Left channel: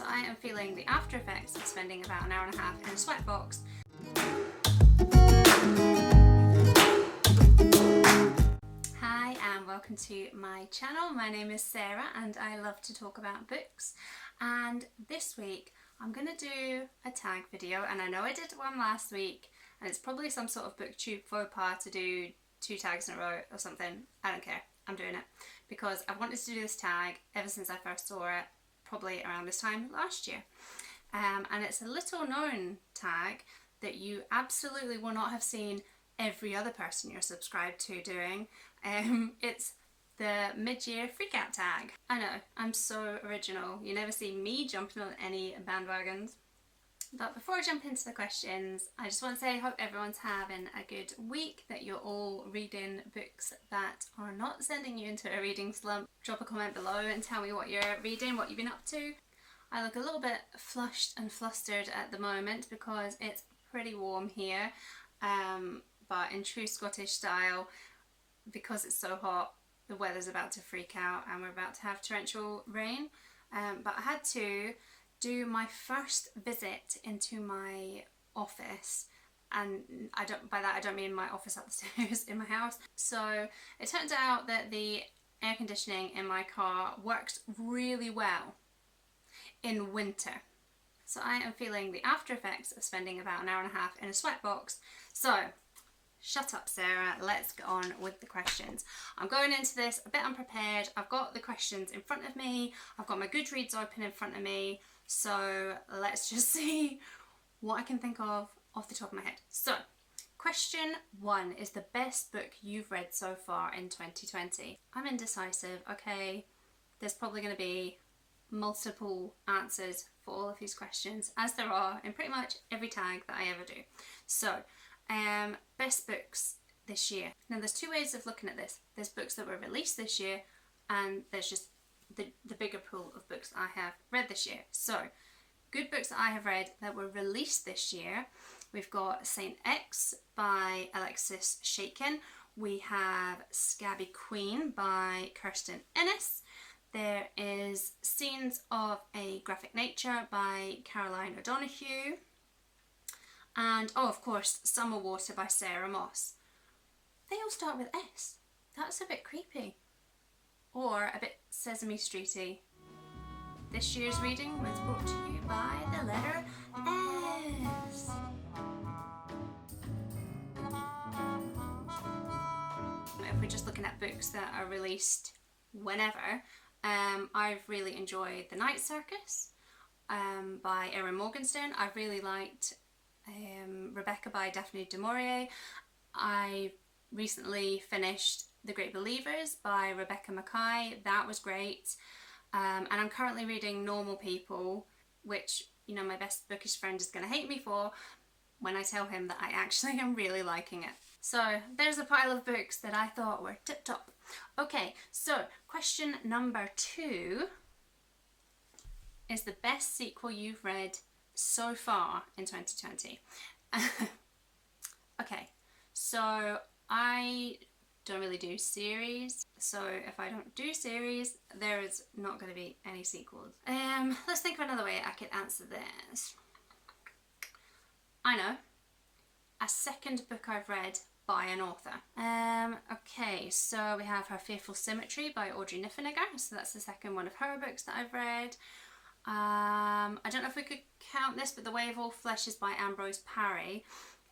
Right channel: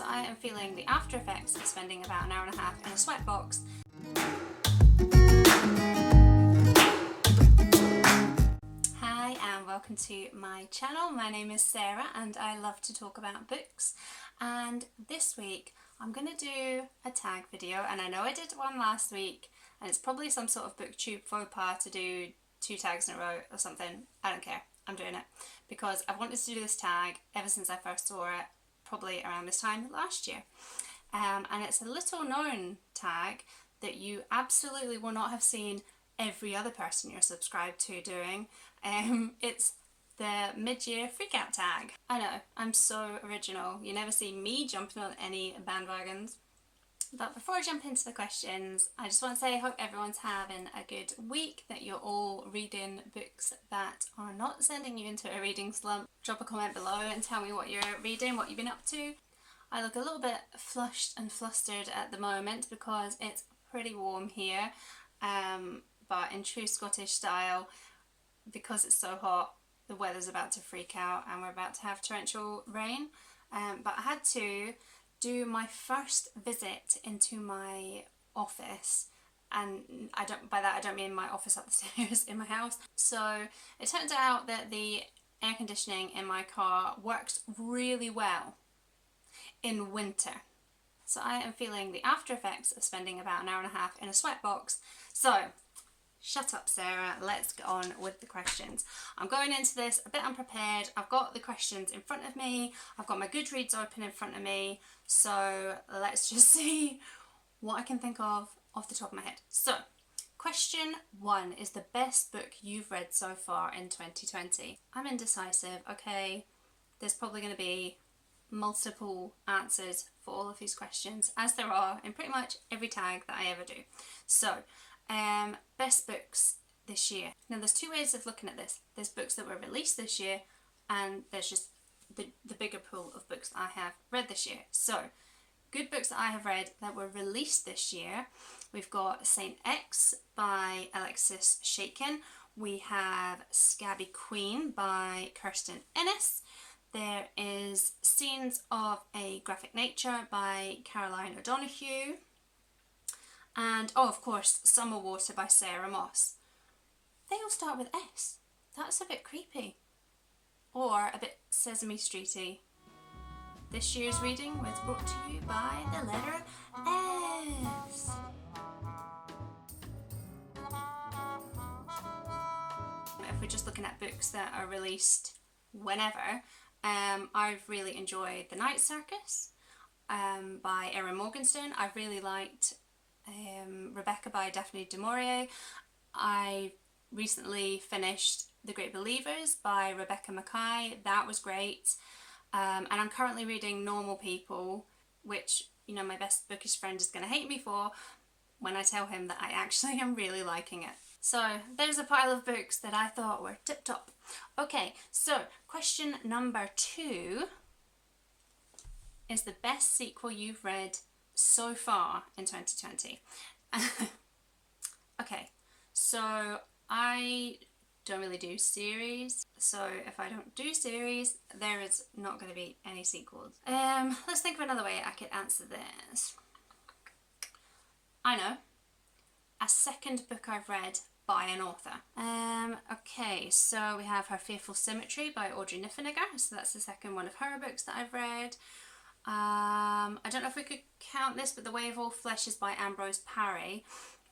So I am feeling the after effects of spending about an hour and a half in a sweatbox. Hi and welcome to my channel. My name is Sarah and I love to talk about books, and this week I'm going to do a tag video, and I know I did one last week and it's probably some sort of booktube faux pas to do 2 tags in a row or something. I don't care, I'm doing it because I've wanted to do this tag ever since I first saw it, probably around this time last year. And it's a little known tag that you absolutely will not have seen every other person you're subscribed to doing. It's the mid-year freakout tag. I know, I'm so original. You never see me jumping on any bandwagons. But before I jump into the questions, I just want to say I hope everyone's having a good week, that you're all reading books that are not sending you into a reading slump. Drop a comment below and tell me what you're reading, what you've been up to. I look a little bit flushed and flustered at the moment because it's pretty warm here, but in true Scottish style, because it's so hot, the weather's about to freak out and we're about to have torrential rain. But I had to do my first visit into my office, and by that I don't mean my office upstairs in my house. So it turned out that the air conditioning in my car works really well in winter. So I am feeling the after effects of spending about an hour and a half in a sweatbox. So shut up, Sarah, let's get on with the questions. I'm going into this a bit unprepared. I've got the questions in front of me, I've got my Goodreads open in front of me, so let's just see what I can think of off the top of my head. So question 1 is the best book you've read so far in 2020. I'm indecisive, okay? There's probably going to be multiple answers for all of these questions, as there are in pretty much every tag that I ever do. So best books this year. Now there's 2 ways of looking at this. There's books that were released this year, and there's just the bigger pool of books that I have read this year. So good books that I have read that were released this year. We've got Saint X by Alexis Schaitken. We have Scabby Queen by Kirsten. There is Scenes of a Graphic Nature by Caroline O'Donoghue. And oh, of course, Summerwater by Sarah Moss. They all start with S. That's a bit creepy. Or a bit Sesame Streety. This year's reading was brought to you by the letter S. If we're just looking at books that are released whenever, I've really enjoyed The Night Circus by Erin Morgenstern. I've really liked Rebecca by Daphne du Maurier. I recently finished The Great Believers by Rebecca Makkai. That was great. And I'm currently reading Normal People, which, you know, my best bookish friend is going to hate me for when I tell him that I actually am really liking it. So there's a pile of books that I thought were tip top. Okay, so question number 2 is the best sequel you've read so far in 2020. Okay, so I don't really do series, so if I don't do series, there is not going to be any sequels. Let's think of another way I could answer this. I know, a second book I've read by an author. Okay, so we have Her Fearful Symmetry by Audrey Niffenegger, so that's the second one of her books that I've read. I don't know if we could count this, but The Way of All Flesh is by Ambrose Parry,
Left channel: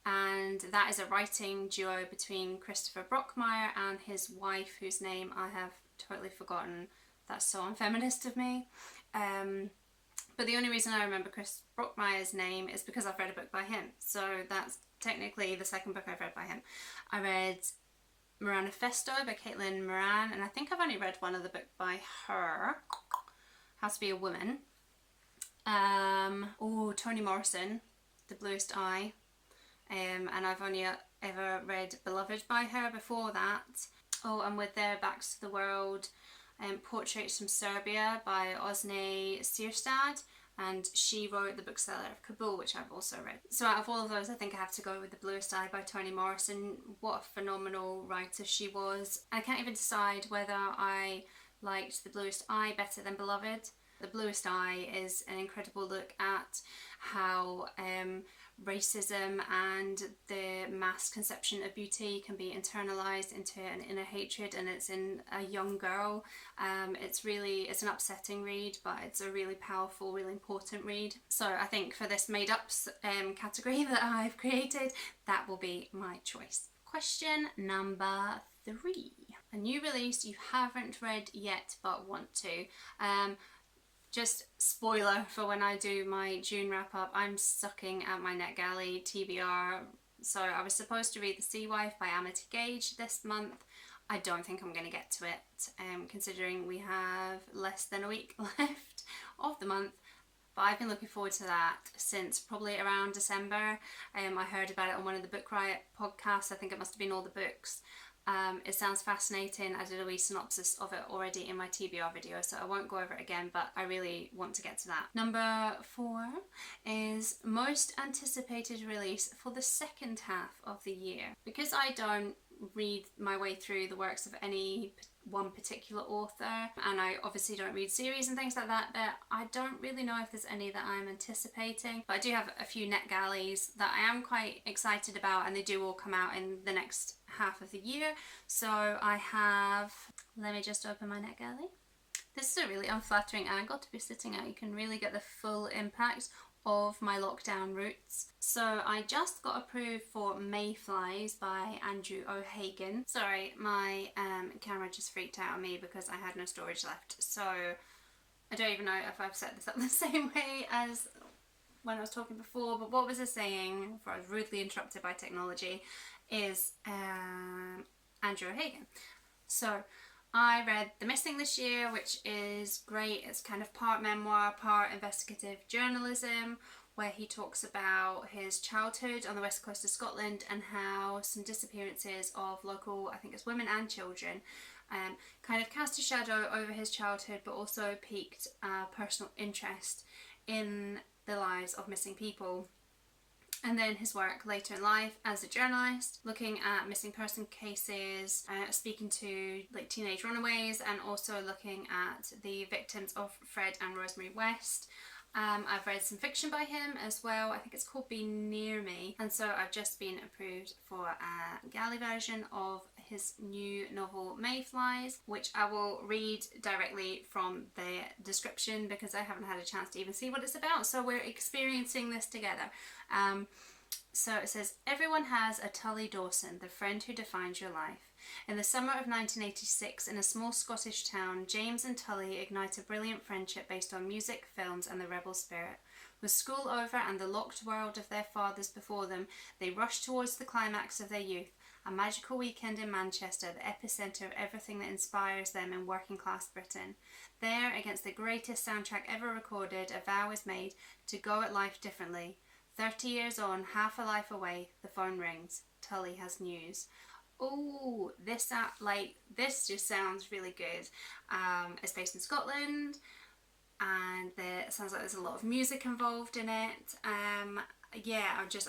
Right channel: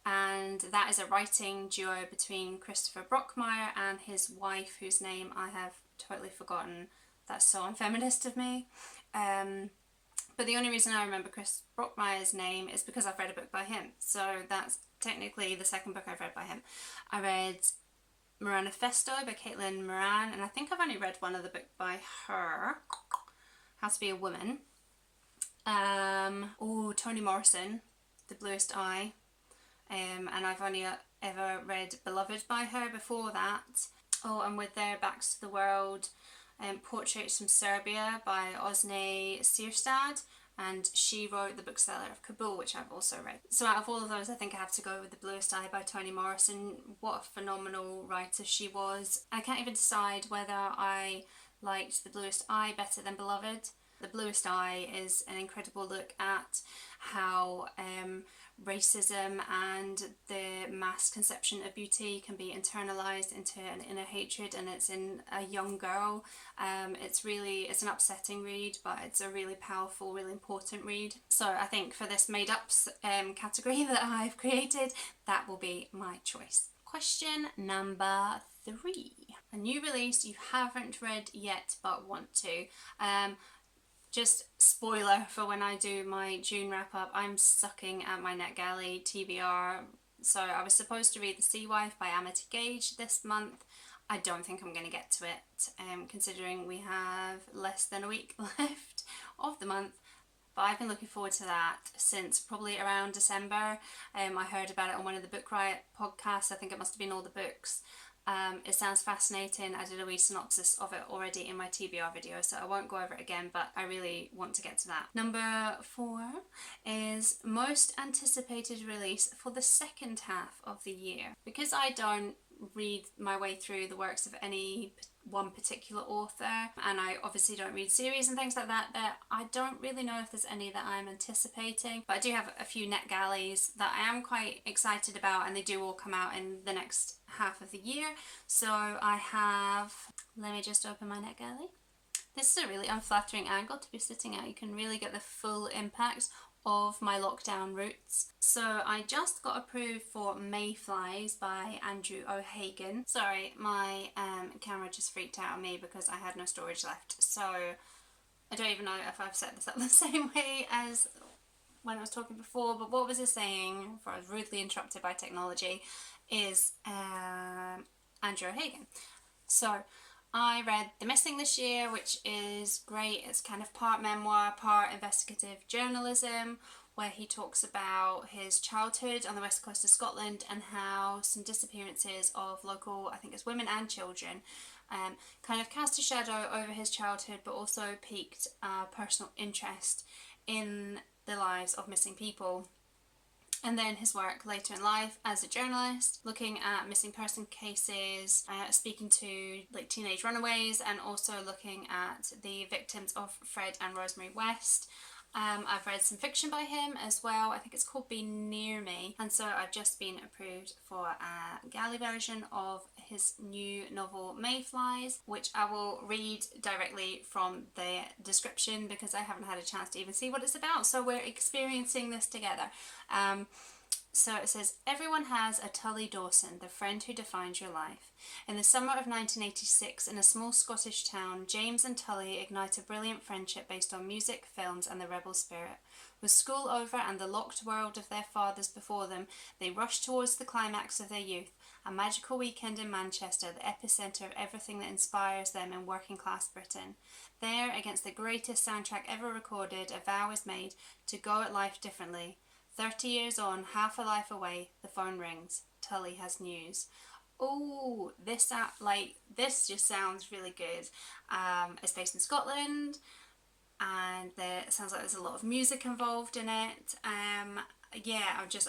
and that is a writing duo between Christopher Brockmire and his wife, whose name I have totally forgotten. That's so unfeminist of me. But the only reason I remember Chris Brockmire's name is because I've read a book by him, so that's technically the second book I've read by him. I read Moranifesto by Caitlin Moran, and I think I've only read one other book by her, How to Be a Woman. Toni Morrison, The Bluest Eye, and I've only ever read Beloved by her before that. Oh, and with their Backs to the World, Portraits from Serbia by Osne Sierstad, and she wrote The Bookseller of Kabul, which I've also read. So out of all of those, I think I have to go with The Bluest Eye by Toni Morrison. What a phenomenal writer she was. I can't even decide whether I liked The Bluest Eye better than Beloved. The Bluest Eye is an incredible look at how racism and the mass conception of beauty can be internalized into an inner hatred, and it's in a young girl. It's an upsetting read, but it's a really powerful, really important read. So I think for this made ups category that I've created, that will be my choice. Question number 3. A new release you haven't read yet but want to. Just spoiler for when I do my June wrap up, I'm sucking at my NetGalley TBR. So I was supposed to read The Sea Wife by Amity Gage this month. I don't think I'm going to get to it, considering we have less than a week left of the month. But I've been looking forward to that since probably around December. I heard about it on one of the Book Riot podcasts. I think it must have been All the Books. It sounds fascinating. I did a wee synopsis of it already in my TBR video, so I won't go over it again, but I really want to get to that. Number 4 is most anticipated release for the second half of the year. Because I don't read my way through the works of any one particular author, and I obviously don't read series and things like that, I don't really know if there's any that I'm anticipating, but I do have a few NetGalleys that I am quite excited about, and they do all come out in the next half of the year. So I have, let me just open my NetGalley. This is a really unflattering angle to be sitting at. You can really get the full impact of my lockdown roots. So I just got approved for Mayflies by Andrew O'Hagan. Sorry, my camera just freaked out on me because I had no storage left. So I don't even know if I've set this up the same way as when I was talking before, but what was I saying before I was rudely interrupted by technology is Andrew O'Hagan. So I read The Missing this year, which is great. It's kind of part memoir, part investigative journalism, where he talks about his childhood on the west coast of Scotland and how some disappearances of local, I think it's women and children, kind of cast a shadow over his childhood, but also piqued personal interest in the lives of missing people. And then his work later in life as a journalist, looking at missing person cases, speaking to like teenage runaways, and also looking at the victims of Fred and Rosemary West. I've read some fiction by him as well. I think it's called Be Near Me, and so I've just been approved for a galley version of his new novel Mayflies, which I will read directly from the description because I haven't had a chance to even see what it's about, so we're experiencing this together. So it says, everyone has a Tully Dawson, the friend who defines your life. In the summer of 1986, in a small Scottish town, James and Tully ignite a brilliant friendship based on music, films and the rebel spirit. With school over and the locked world of their fathers before them, they rush towards the climax of their youth, a magical weekend in Manchester, the epicentre of everything that inspires them in working class Britain. There, against the greatest soundtrack ever recorded, a vow is made to go at life differently. 30 years on, half a life away, the phone rings. Tully has news. Oh, this just sounds really good. It's based in Scotland, and it sounds like there's a lot of music involved in it. Yeah,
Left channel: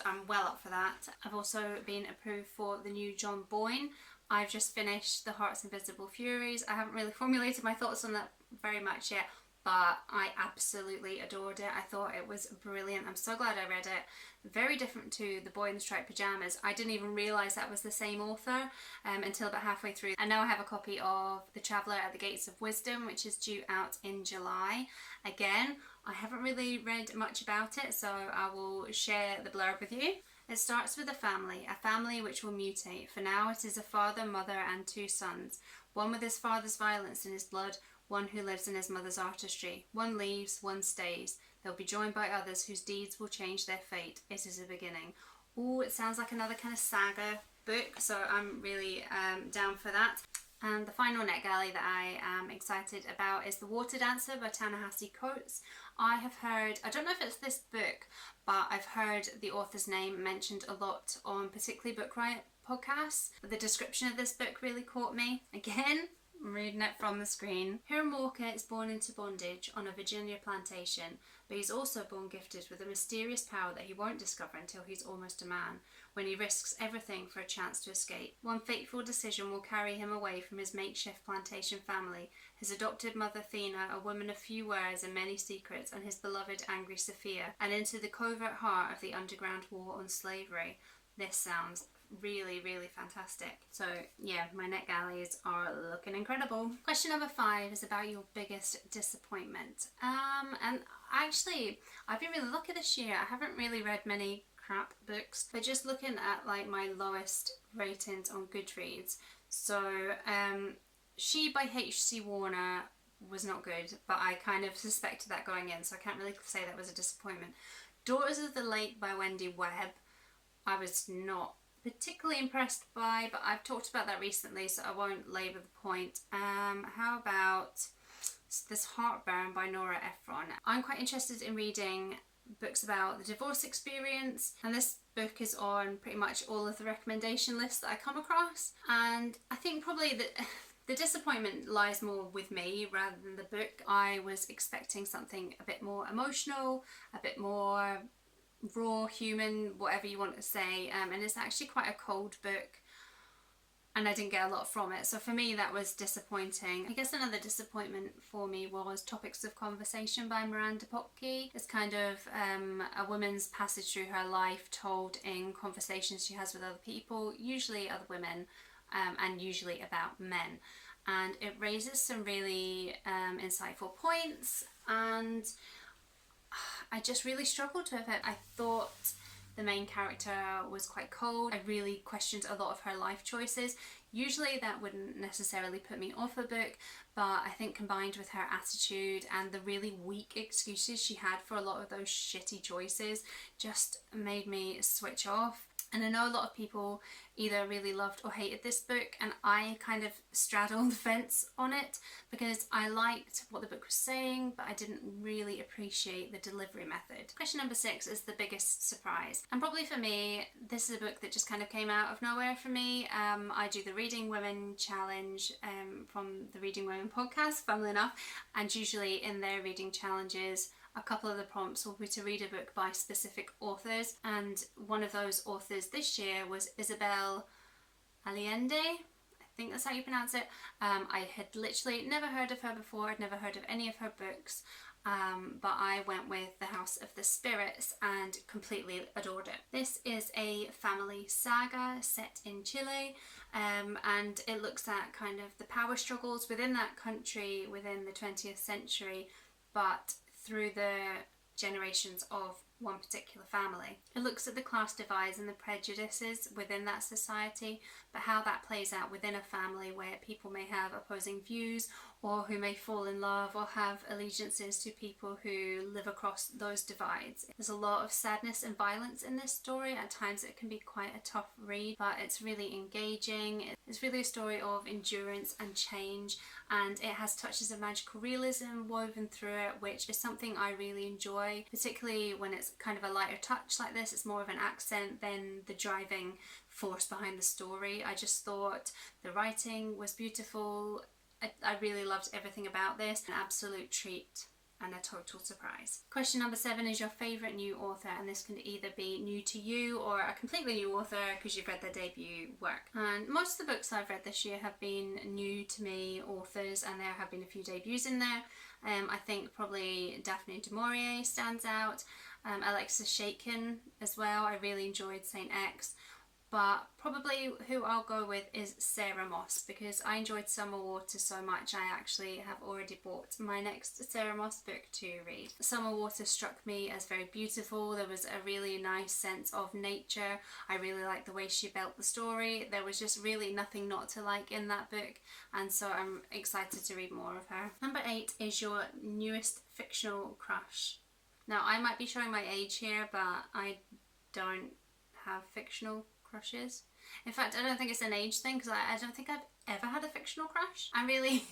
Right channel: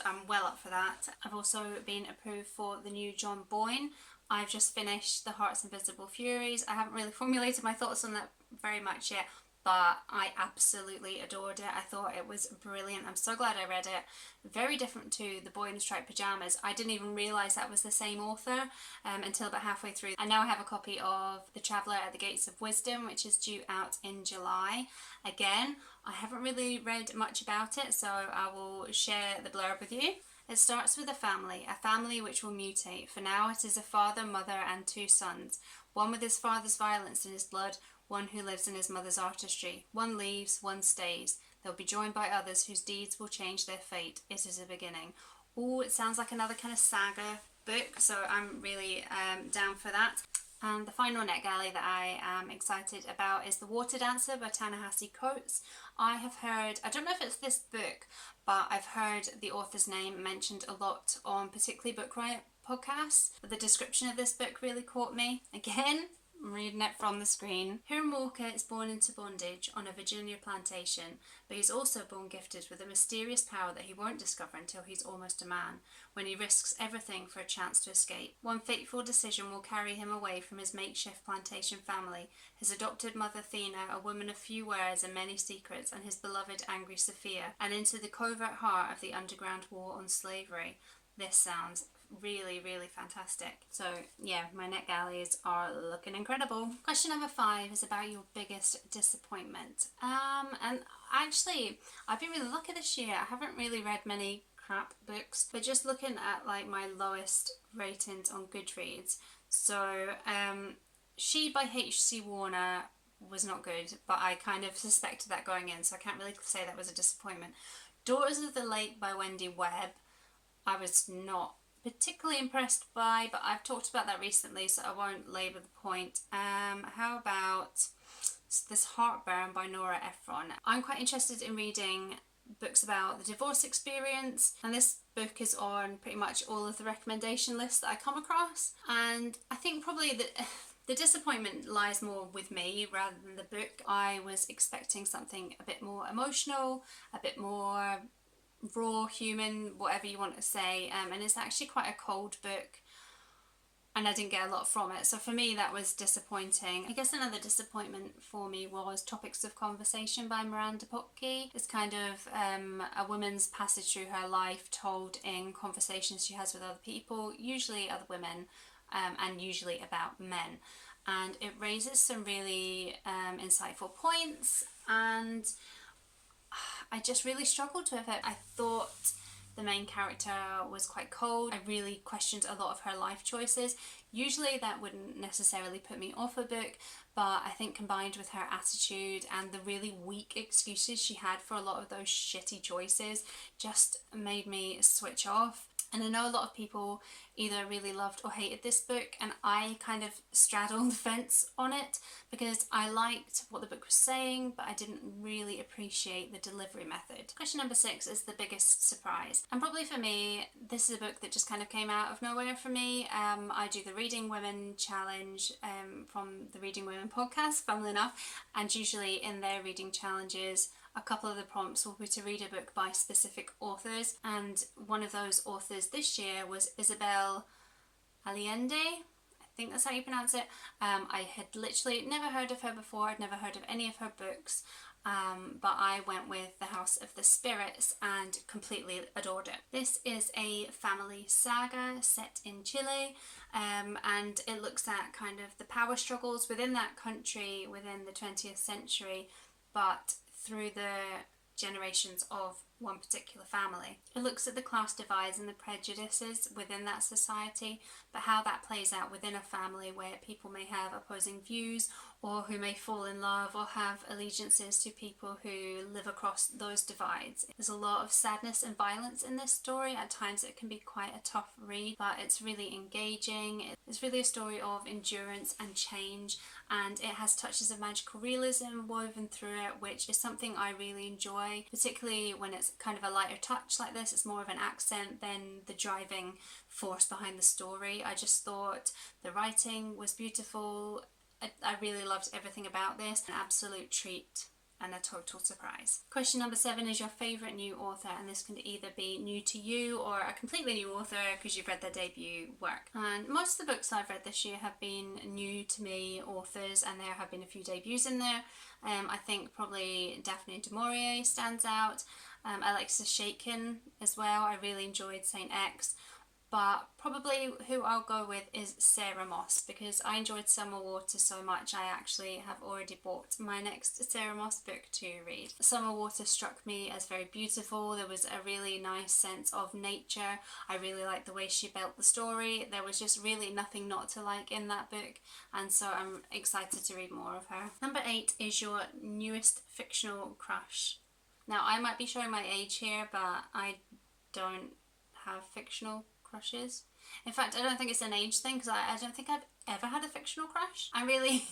I'm well up for that. I've also been approved for the new John Boyne. I've just finished The Heart's Invisible Furies. I haven't really formulated my thoughts on that very much yet, but I absolutely adored it. I thought it was brilliant. I'm so glad I read it. Very different to The Boy in Striped Pyjamas. I didn't even realise that was the same author until about halfway through. And now I have a copy of The Traveller at the Gates of Wisdom, which is due out in July. Again, I haven't really read much about it, so I will share the blurb with you. It starts with a family which will mutate. For now it is a father, mother and 2 sons. One with his father's violence in his blood, one who lives in his mother's artistry. One leaves, one stays. They'll be joined by others whose deeds will change their fate. It is a beginning. Oh, it sounds like another kind of saga book, so I'm really down for that. And the final NetGalley that I am excited about is The Water Dancer by ta-nehisi Coates. I have heard, I don't know if it's this book, but I've heard the author's name mentioned a lot on particularly Book Riot podcasts. But the description of this book really caught me. Again, I'm reading it from the screen. Hiram Walker is born into bondage on a Virginia plantation, but he's also born gifted with a mysterious power that he won't discover until he's almost a man, when he risks everything for a chance to escape. One fateful decision will carry him away from his makeshift plantation family, his adopted mother Thena, a woman of few words and many secrets, and his beloved angry Sophia, and into the covert heart of the underground war on slavery. This sounds really, really fantastic. So yeah, my NetGalleys are looking incredible. Question number 5 is about your biggest disappointment. And actually, I've been really lucky this year. I haven't really read many crap books, but just looking at like my lowest ratings on Goodreads. So She by H.C. Warner was not good, but I kind of suspected that going in, so I can't really say that was a disappointment. Daughters of the Lake by Wendy Webb, I was not particularly impressed by, but I've talked about that recently, so I won't labour the point. How about this Heartburn by Nora Ephron? I'm quite interested in reading books about the divorce experience, and this book is on pretty much all of the recommendation lists that I come across, and I think probably that the disappointment lies more with me rather than the book. I was expecting something a bit more emotional, a bit more raw, human, whatever you want to say, and it's actually quite a cold book, and I didn't get a lot from it, so for me that was disappointing. I guess another disappointment for me was Topics of Conversation by Miranda Popke. It's kind of a woman's passage through her life told in conversations she has with other people, usually other women, and usually about men, and it raises some really insightful points, and I just really struggled with it. I thought the main character was quite cold. I really questioned a lot of her life choices. Usually that wouldn't necessarily put me off a book, but I think combined with her attitude and the really weak excuses she had for a lot of those shitty choices just made me switch off. And I know a lot of people either really loved or hated this book, and I kind of straddled the fence on it because I liked what the book was saying, but I didn't really appreciate the delivery method. Question number 6 is the biggest surprise, and probably for me this is a book that just kind of came out of nowhere for me. I do the Reading Women challenge from the Reading Women podcast, funnily enough, and usually in their reading challenges a couple of the prompts will be to read a book by specific authors, and one of those authors this year was Isabel Allende. I think that's how you pronounce it. I had literally never heard of her before. I'd never heard of any of her books, but I went with The House of the Spirits and completely adored it. This is a family saga set in Chile, and it looks at kind of the power struggles within that country within the 20th century, but through the generations of one particular family. It looks at the class divides and the prejudices within that society, but how that plays out within a family where people may have opposing views, or who may fall in love or have allegiances to people who live across those divides. There's a lot of sadness and violence in this story. At times it can be quite a tough read, but it's really engaging. It's really a story of endurance and change, and it has touches of magical realism woven through it, which is something I really enjoy, particularly when it's kind of a lighter touch like this. It's more of an accent than the driving force behind the story. I just thought the writing was beautiful. I really loved everything about this. An absolute treat and a total surprise. Question number 7 is your favourite new author, and this can either be new to you or a completely new author because you've read their debut work. And most of the books I've read this year have been new to me authors, and there have been a few debuts in there. I think probably Daphne du Maurier stands out. Alexis Schaitken as well. I really enjoyed Saint X. But probably who I'll go with is Sarah Moss, because I enjoyed Summerwater so much I actually have already bought my next Sarah Moss book to read. Summerwater struck me as very beautiful. There was a really nice sense of nature. I really liked the way she built the story. There was just really nothing not to like in that book, and so I'm excited to read more of her. Number 8 is your newest fictional crush. Now I might be showing my age here, but I don't have fictional crushes. In fact, I don't think it's an age thing, because I don't think I've ever had a fictional crush. I'm really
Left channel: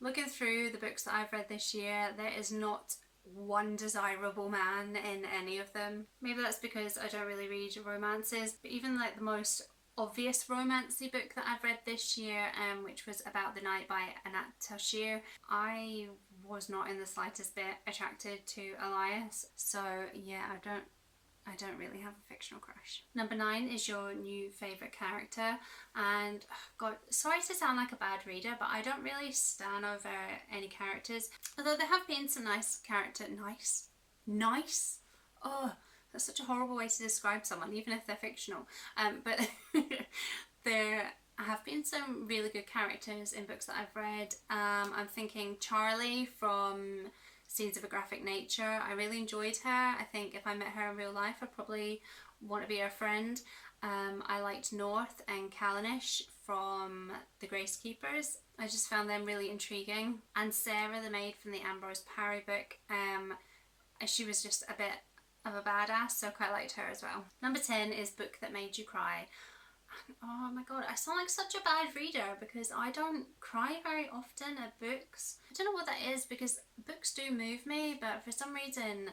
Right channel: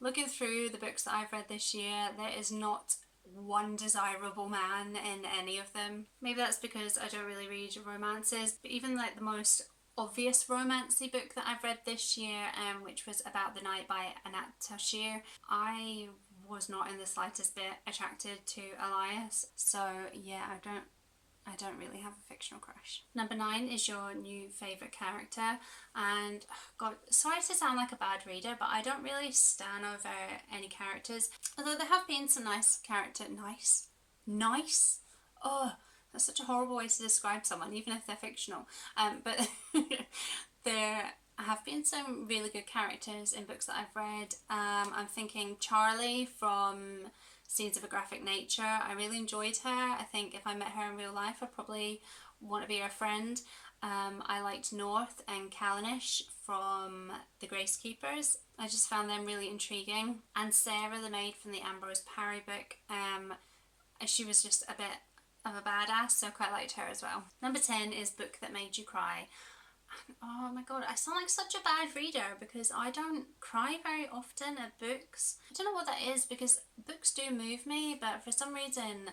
looking through the books that I've read this year, there is not one desirable man in any of them. Maybe that's because I don't really read romances, but even like the most obvious romancy book that I've read this year, which was About the Night by Anat Tashir. I was not in the slightest bit attracted to Elias, so yeah, I don't really have a fictional crush. Number 9 is your new favourite character, and God, sorry to sound like a bad reader, but I don't really stan over any characters, although there have been some nice character, nice? Oh, that's such a horrible way to describe someone, even if they're fictional. But there have been some really good characters in books that I've read. I'm thinking Charlie from Scenes of a Graphic Nature. I really enjoyed her. I think if I met her in real life, I'd probably want to be her friend. I liked North and Callanish from The Gracekeepers. I just found them really intriguing. And Sarah, the maid from the Ambrose Parry book, she was just a bit of a badass, so I quite liked her as well. Number 10 is Book That Made You Cry. Oh my god, I sound like such a bad reader because I don't cry very often at books. I don't know what that is, because books do move me, but for some reason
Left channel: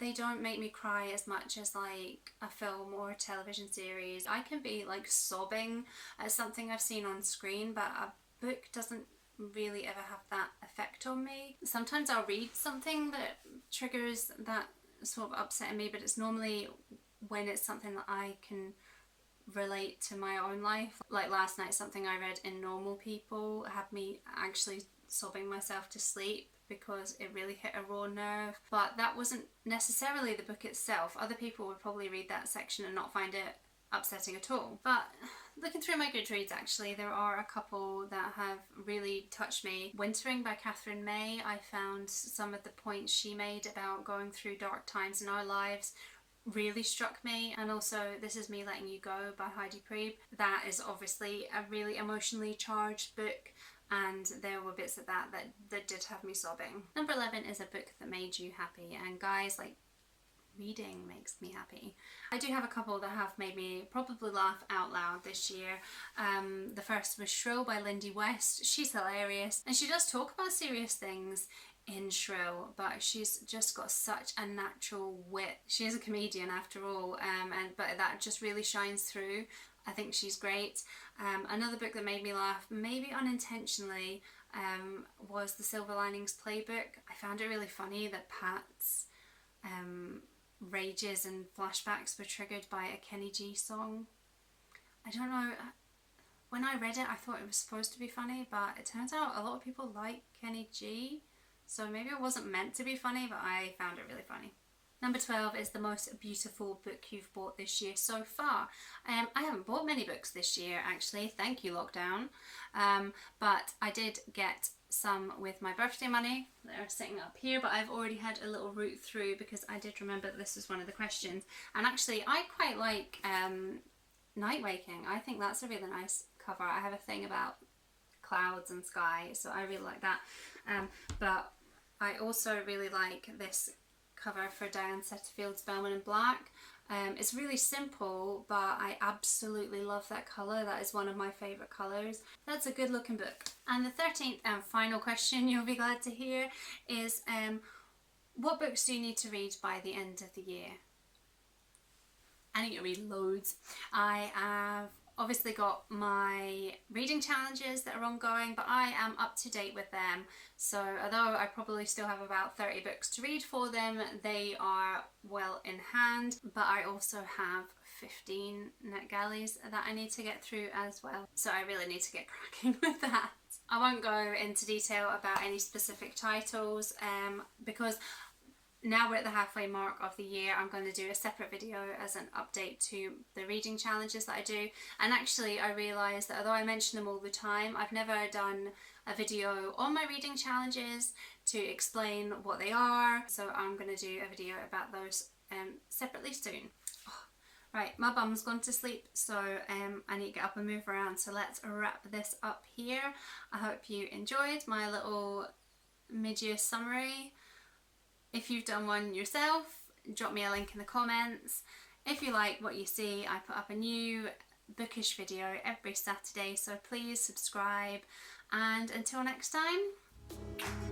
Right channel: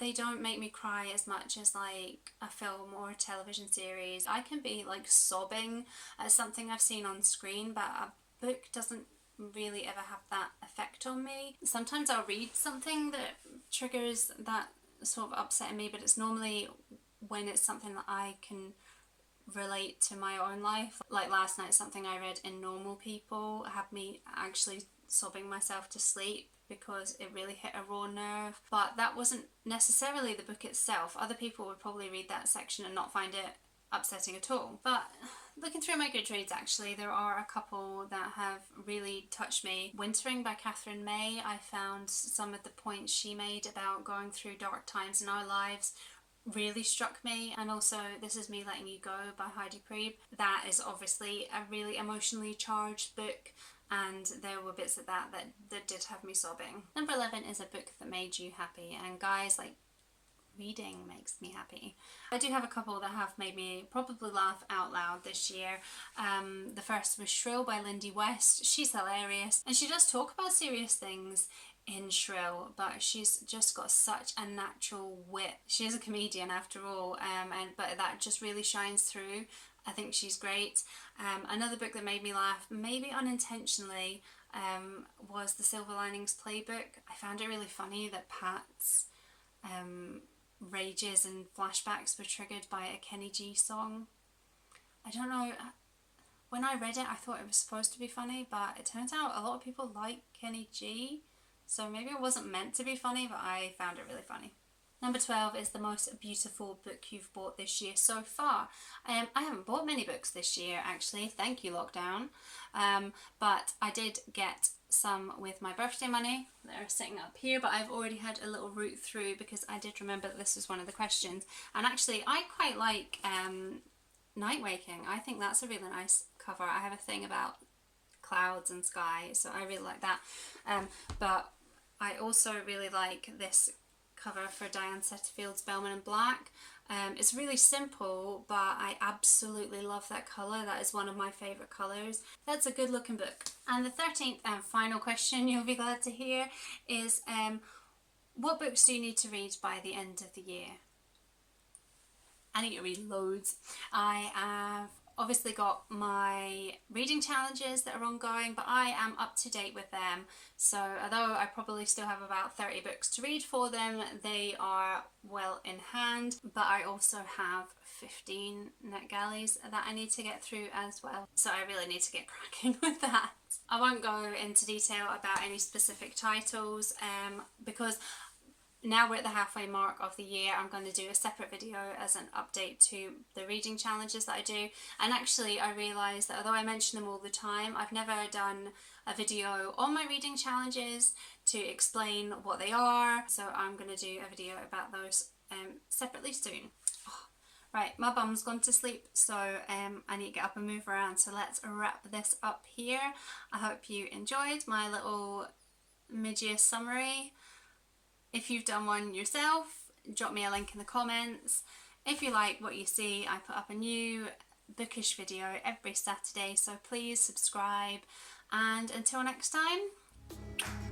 they don't make me cry as much as like a film or a television series. I can be like sobbing at something I've seen on screen, but a book doesn't really ever have that effect on me. Sometimes I'll read something that triggers that sort of upset in me, but it's normally when it's something that I can relate to my own life. Like last night, something I read in Normal People had me actually sobbing myself to sleep because it really hit a raw nerve. But that wasn't necessarily the book itself. Other people would probably read that section and not find it upsetting at all. But looking through my Goodreads, actually, there are a couple that have really touched me. Wintering by Catherine May, I found some of the points she made about going through dark times in our lives really struck me. And also This Is Me Letting You Go by Heidi Priebe. That is obviously a really emotionally charged book, and there were bits of that did have me sobbing. Number 11 is a book that made you happy, and guys, like, reading makes me happy. I do have a couple that have made me probably laugh out loud this year. The first was Shrill by Lindy West. She's hilarious, and she does talk about serious things in Shrill, but she's just got such a natural wit. She is a comedian after all, but that just really shines through. I think she's great. Another book that made me laugh, maybe unintentionally, was The Silver Linings Playbook. I found it really funny that Pat's rages and flashbacks were triggered by a Kenny G song. I don't know, when I read it I thought it was supposed to be funny, but it turns out a lot of people like Kenny G, so maybe it wasn't meant to be funny, but I found it really funny. Number 12 is the most beautiful book you've bought this year so far. I haven't bought many books this year, actually, thank you lockdown, but I did get some with my birthday money that are sitting up here, but I've already had a little route through because I did remember that this was one of the questions. And actually I quite like Night Waking. I think that's a really nice cover. I have a thing about clouds and sky, so I really like that. But I also really like this cover for Diane Setterfield's Bellman and Black. It's really simple, but I absolutely love that colour. That is one of my favourite colours. That's a good looking book. And the 13th and final question you'll be glad to hear is what books do you need to read by the end of the year? I need to read loads. I have obviously got my reading challenges that are ongoing, but I am up to date with them. So although I probably still have about 30 books to read for them, they are well in hand. But I also have 15 NetGalleys that I need to get through as well. So I really need to get cracking with that. I won't go into detail about any specific titles because now we're at the halfway mark of the year. I'm going to do a separate video as an update to the reading challenges that I do. And actually I realised that although I mention them all the time, I've never done a video on my reading challenges to explain what they are. So I'm going to do a video about those separately soon. Right, my bum's gone to sleep, so I need to get up and move around. So let's wrap this up here. I hope you enjoyed my little mid-year summary. If you've done one yourself, drop me a link in the comments. If you like what you see, I put up a new bookish video every Saturday, so please subscribe. And until next time.